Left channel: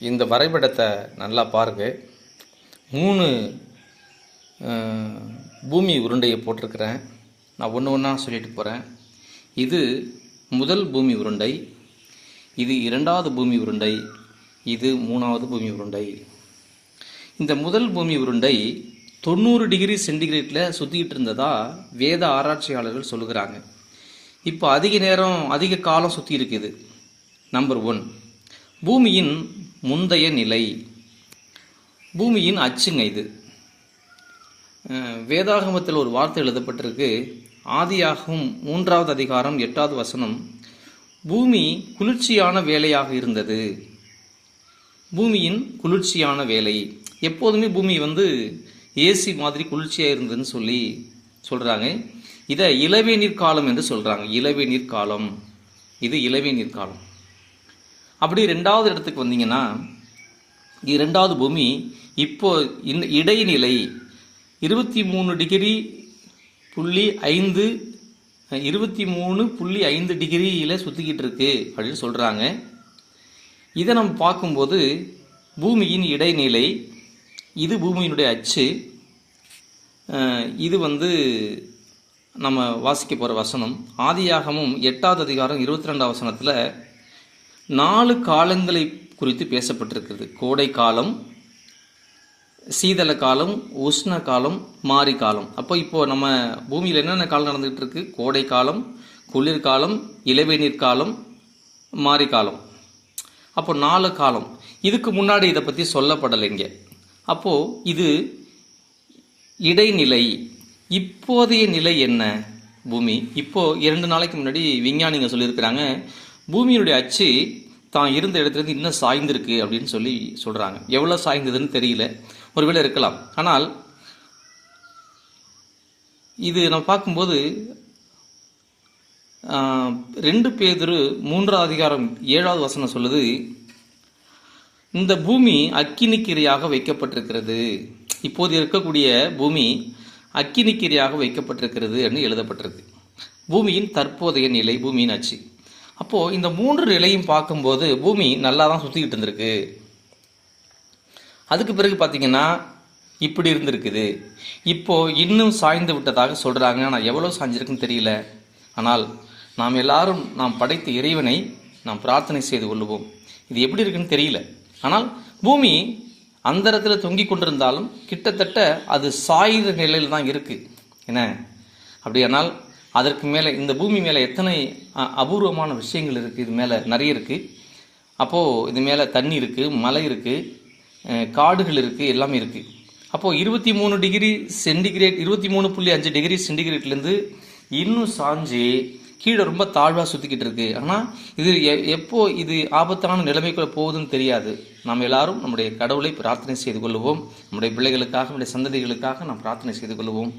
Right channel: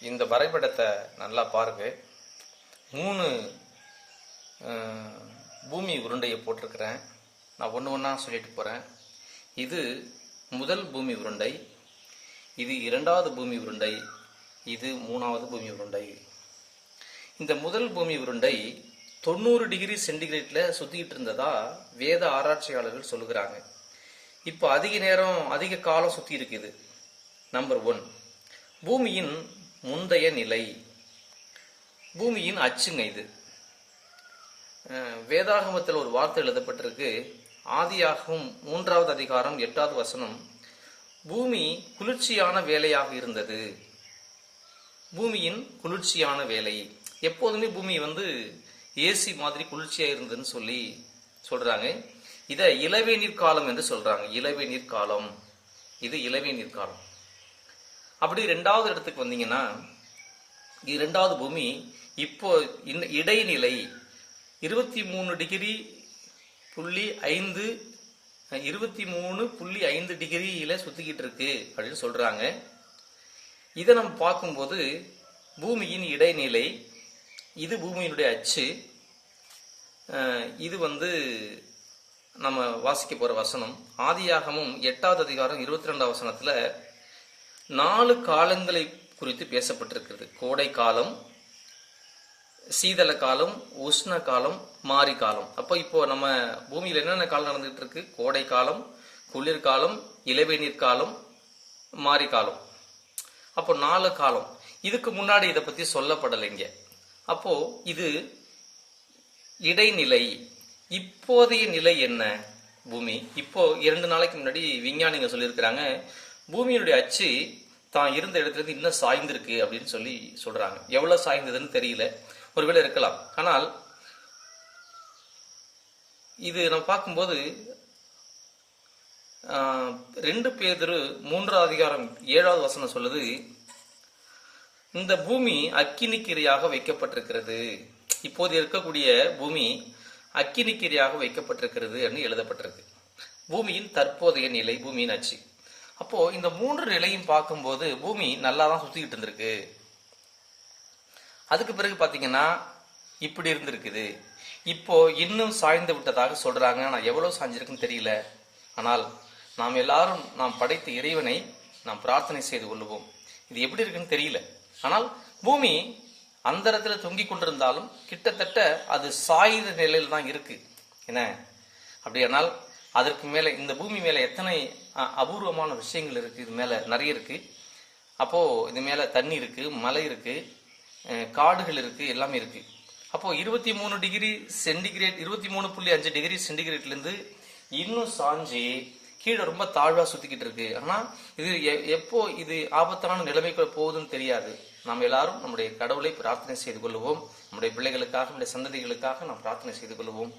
இந்த வரைபடத்தை நல்லா பாருங்க. 3 பூமி உருண்டையை போட்டிருக்கிறேன். நான் ஒன்று ஒன்றா சொல்லிட்டு போகிறேன். இது முதல் பூமி உருண்டை, இது 2வது பூமி உருண்டை, இது 3வது பூமி உருண்டை. இந்த முதல் பூமி உருண்டை 90 டிகிரி சென்டிகிரேட்டில் சுற்றிக்கிட்டு இருந்ததா வேத ஆராய்ச்சியாளர்கள் சொல்லுகிறாங்க. இப்போ அதிக காலம் சுற்றி இருக்குது. நம்பர் 1, பூமியின் முந்தைய நிலை, பூமியின் அச்சுங்க. இது வேதாகமத்தில் ஒரு வார்த்தை எழுதப்பட்டிருக்கு. ஆதியாகமம் 3வது அதிகாரம் 8வது வசனம், பூமி குளிர்ச்சியான வேலையாக இருந்தது. பூமியின் குளிர்ச்சியான வேலை. எப்போதுமே பூமி ஏசி மாதிரி குளிர்ச்சியாக இருந்ததுன்னு சொல்கிறாங்க. இதை இளவேநீர் காலம் என்று சொல்கிறாங்க. இளவேநீர் காலம், இது இளவேநீர் காலம். அப்படி 2வது இடத்துக்கு வந்தீங்கன்னா, 2வது பூமி இப்போ இடைநிலை 23.5 டிகிரியில் சுற்றிக்கிட்டு இருக்கு அப்படின்னு சொல்கிறாங்க. இதை நம்ம பார்க்கும்போது பூமியின் இடைநிலை, இது பூமியினுடைய அச்சு. இது நம்ம வாசிக்க போகிற வசனம் ஆதியாகமம் 8வது அதிகாரம் 22வது வசனத்தில் 4 காலங்களை குறித்து பேசப்பட்டிருக்கிறது. கோடை காலம், சீதள காலம், உஷ்ண காலம், மாரி காலம். இப்போ நம்ம பூமியில் என்னென்ன காலம் நடந்துகிட்டு இருக்கு? கோடை காலம், குளிர்காலம், இளவேநீர் காலம், மாரி காலம். அப்போ 4 காலம். இதுக்கு முன்னாடி இதை பற்றி சொல்லப்படலைங்க. அப்போ இது இடைநிலை. இப்போதைய நிலை என்ன? பூமி இப்போ 2 நாளைக்கு முன்னாடி விஞ்ஞானிங்க சொல்லியிருக்கிறாங்க, பூமியினுடைய அச்சு தான் இருந்த இடத்துலேருந்து இன்னும் சாய்ந்திருக்கு அப்படின்னு சொல்கிறாங்க. எவ்வளோ சாய்ந்ததுன்னு தெரியல, ஒருவேளை இருக்கலாம். ஆனால் இது நம்ம பார்க்கும்போது 2 பேதுரு 3வது அதிகாரம் 7வது வசனம் சொல்லுது, இந்த பூமி அக்கினிக்கிரையாக வைக்கப்பட்டிருக்கிறது. இப்போது இருக்கக்கூடிய பூமி அக்கினிக்கிரையாக வைக்கப்பட்டிருக்கிறது என்று எழுதப்பட்டிருக்கு. பூமியின் தற்போதைய நிலை, பூமியின் அச்சு. அப்போ இந்த 3 நிலையும் பார்க்கும்போது பூமி நல்லா தான் சுத்திக்கிட்டு இருந்திருக்கு. அதுக்கு பிறகு பார்த்தீங்கன்னா இப்படி இருந்திருக்குது. இப்போ இன்னும் சாய்ந்து விட்டதாக சொல்றாங்க. ஆனால் எவ்வளவு சாய்ஞ்சிருக்குன்னு தெரியல. ஆனால் நாம் எல்லாரும் நாம் படைத்த இறைவனை நாம் பிரார்த்தனை செய்து கொள்ளுவோம். இது எப்படி இருக்குன்னு தெரியல. ஆனால் பூமி அந்த இடத்துல தொங்கி கொண்டிருந்தாலும் கிட்டத்தட்ட அது சாயுத நிலையில் தான் இருக்கு. என்ன அப்படியானால் அதற்கு மேலே இந்த பூமி மேலே எத்தனை அபூர்வமான விஷயங்கள் இருக்குது. இது மேலே நிறைய இருக்குது. அப்போது இது மேலே தண்ணி இருக்குது, மலை இருக்குது, காடுகள் இருக்குது, எல்லாமே இருக்குது. அப்போது 23 டிகிரி சென்டிகிரேட் 23.5 டிகிரி சென்டிகிரேட்லேருந்து இன்னும் சாஞ்சு கீழே ரொம்ப தாழ்வாக சுற்றிக்கிட்டு இருக்கு. ஆனால் இது எப்போ இது ஆபத்தான நிலைமைக்குள்ள போகுதுன்னு தெரியாது. நாம் எல்லாரும் நம்முடைய கடவுளை பிரார்த்தனை செய்து கொள்ளுவோம். நம்முடைய பிள்ளைகளுக்காக, நம்முடைய சந்ததிகளுக்காக நாம் பிரார்த்தனை செய்து கொள்ளுவோம்.